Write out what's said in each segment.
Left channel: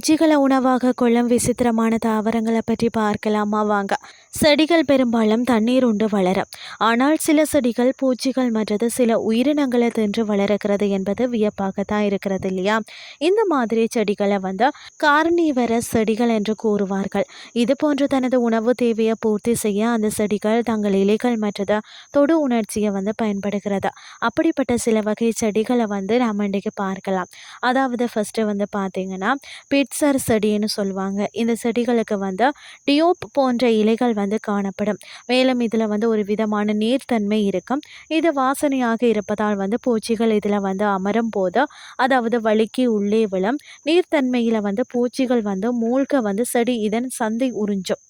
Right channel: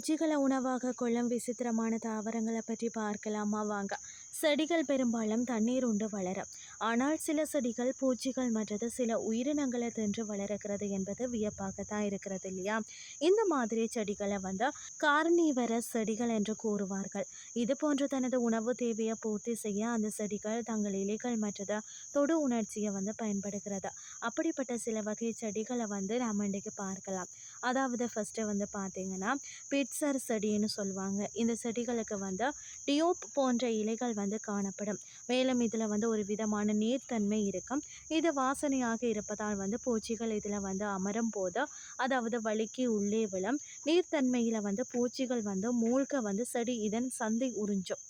பூச்சிகளை உணவாக கொள்ளும் விசித்திரமான தாவரங்களை பற்றி பார்க்கலாமா? வாங்க. செடிகள் பெரும்பாலும் தண்ணீர் உண்டு வளரும் ஆனால் சில செடிகள் பூச்சிகள் மற்றது சில உயிரினங்களை தின்று வளர்கிறது என்பது வியப்பாக தான் இருக்கிறது இல்லையா? இந்த மாதிரி செடிகளை வந்து கார்னிவர செடிகள் என்று கூறுவார்கள். இது போன்று தனது உணவு தேவையை பூர்த்தி செய்ய அந்த செடிகள் தங்கள் இலைகள் மற்றது தொடு உணர்ச்சியை வந்து பயன்படுகிறது. அப்படிப்பட்ட சில வகை செடிகளை வந்து நாம் இன்றைக்கு பார்க்கலாம். அதாவது ஃபஸ்ட்டு வந்து பார்த்தீங்கன்னா பிட்சர் செடின்னு சொல்லுவாங்க. இந்த செடிகளுக்கு வந்து டியோப் போன்ற இலைகள் வந்து காணப்படும். மேலும் இதில் வந்து ஒரு விதமான நீர்த்தன்மை இருக்கும். இது வாசனையாக இருப்பதால் வந்து பூச்சிகள் இதில் வந்து அமரும் போது அதாவது வலிக்கு உள்ளே விழும். நீர்த்தன்மையில் வந்து பூச்சிகள் வந்து மூழ்க வந்து செடி இதன் சந்தை உறிஞ்சும்.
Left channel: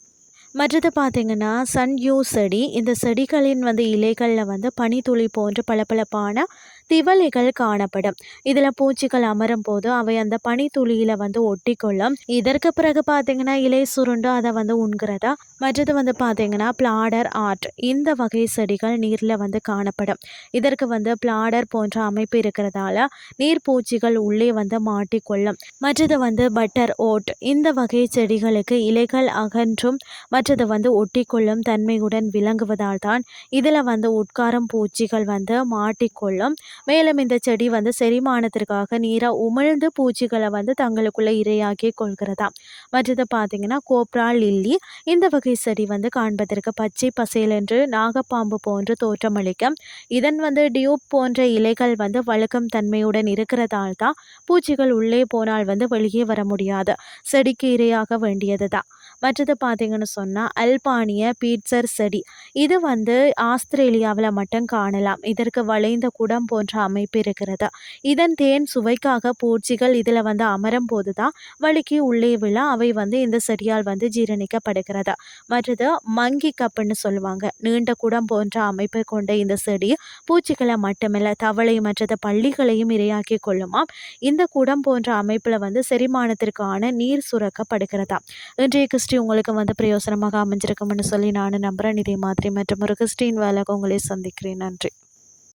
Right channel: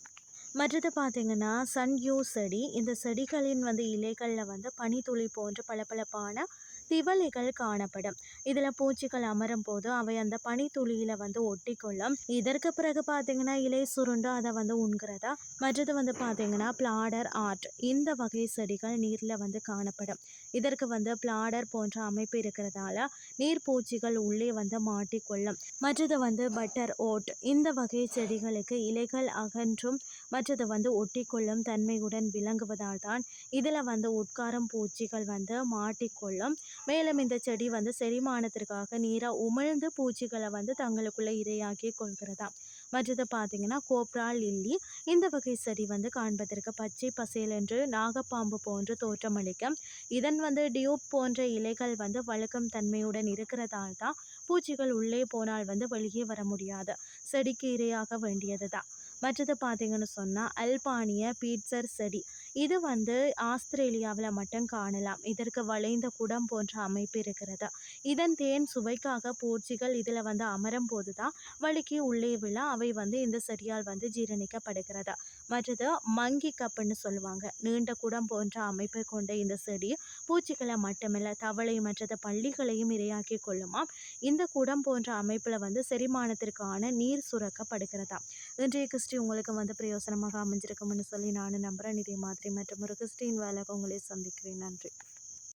மற்றது பார்த்திங்கன்னா சன்யூ செடி. இந்த செடிகளின் வந்து இலைகளில் வந்து பனித்துளி போன்ற பளபளப்பான திவலைகள் காணப்படும். இதில் பூச்சிகள் அமரும் போது அவை அந்த பனித்துளியில் வந்து ஒட்டிக்கொள்ளும். இதற்கு பிறகு பார்த்திங்கன்னா இலை சுருண்டு அதை வந்து உண்கிறதா? மற்றது வந்து பார்த்திங்கன்னா பிளாடர் ஆர்ட். இந்த வகை செடிகள் நீரில் வந்து காணப்படும். இதற்கு வந்து பிளாடர் போன்ற அமைப்பு இருக்கிறதால நீர் பூச்சிகள் உள்ளே வந்து மாட்டிக்கொள்ளும். மற்றது வந்து பட்டர் ஓட். இந்த வகை செடிகளுக்கு இலைகள் அகன்றும் மற்றது வந்து ஒட்டிக்கொள்ளும் தன்மையுடன் விளங்குவதால் தான் இதில் வந்து உட்காரம் பூச்சிகள் வந்து மாட்டிக்கொள்ளும். மேலும் இந்த செடி வந்து செரிமானத்திற்காக நீராக உமிழ்ந்து பூச்சிகளை வந்து தங்களுக்குள்ளே இரையாக்கி கொள்கிறதாம் மற்றது பார்த்திங்கன்னா கோப்ரா லில்லி இந்த வகை செடி வந்து காண்பதற்கு பச்சை பசேல் என்று நாகப்பாம்பு போன்று தோற்றமளிக்கும். இதன் வந்து டியூப் போன்ற இலைகள் வந்து வழுக்கம் தன்மையுடன் இருக்கிறதால் தான் பூச்சிகள் உள்ளே போனால் வந்து வெளியே வர முடியாது. செடிக்கு இரையாக வேண்டியது தான் மற்றது பார்த்திங்கன்னு சொன்னால் அல்பானிய பீட்சர் செடி. இது வந்து ஆஸ்திரேலியாவில் மட்டும் காணலாம். இதற்கு வளைந்த குடம் போன்ற அமைப்பு இருக்கிறது? இதன் தேன் சுவைக்காக பூச்சிகள் இதில் வந்து அமரும் போது தான் வழுக்கி உள்ளே விழ அவை வந்து இந்த செடியால் வந்து ஜீரணிக்கப்படுகிறது? மற்றது மங்கி கப்புன்னு சொல்லுவாங்க. நீண்ட குடம் போன்ற அமைப்பை கொண்ட இந்த செடி பூச்சிகளை மட்டுமில்லை தவளை மற்றது பள்ளிகளையும் இரையாக்கி கொள்ளுமாம். இந்த குடம் போன்ற அமைப்பில் வந்து செரிமானத்திற்கான நீர் சுரக்கப்படுகிறதா? இன்றைய கிறிஸ்டி உங்களுக்கு வந்து பிரயோசனமாக அமைஞ்சிருக்கும்னு சொல்லி நான் நம்புகிறேன் இதே மாதிரி மற்றும் ஒரு கிறிஸ்டின் வேலை உங்களை சந்திக்கிறேன். நன்றி.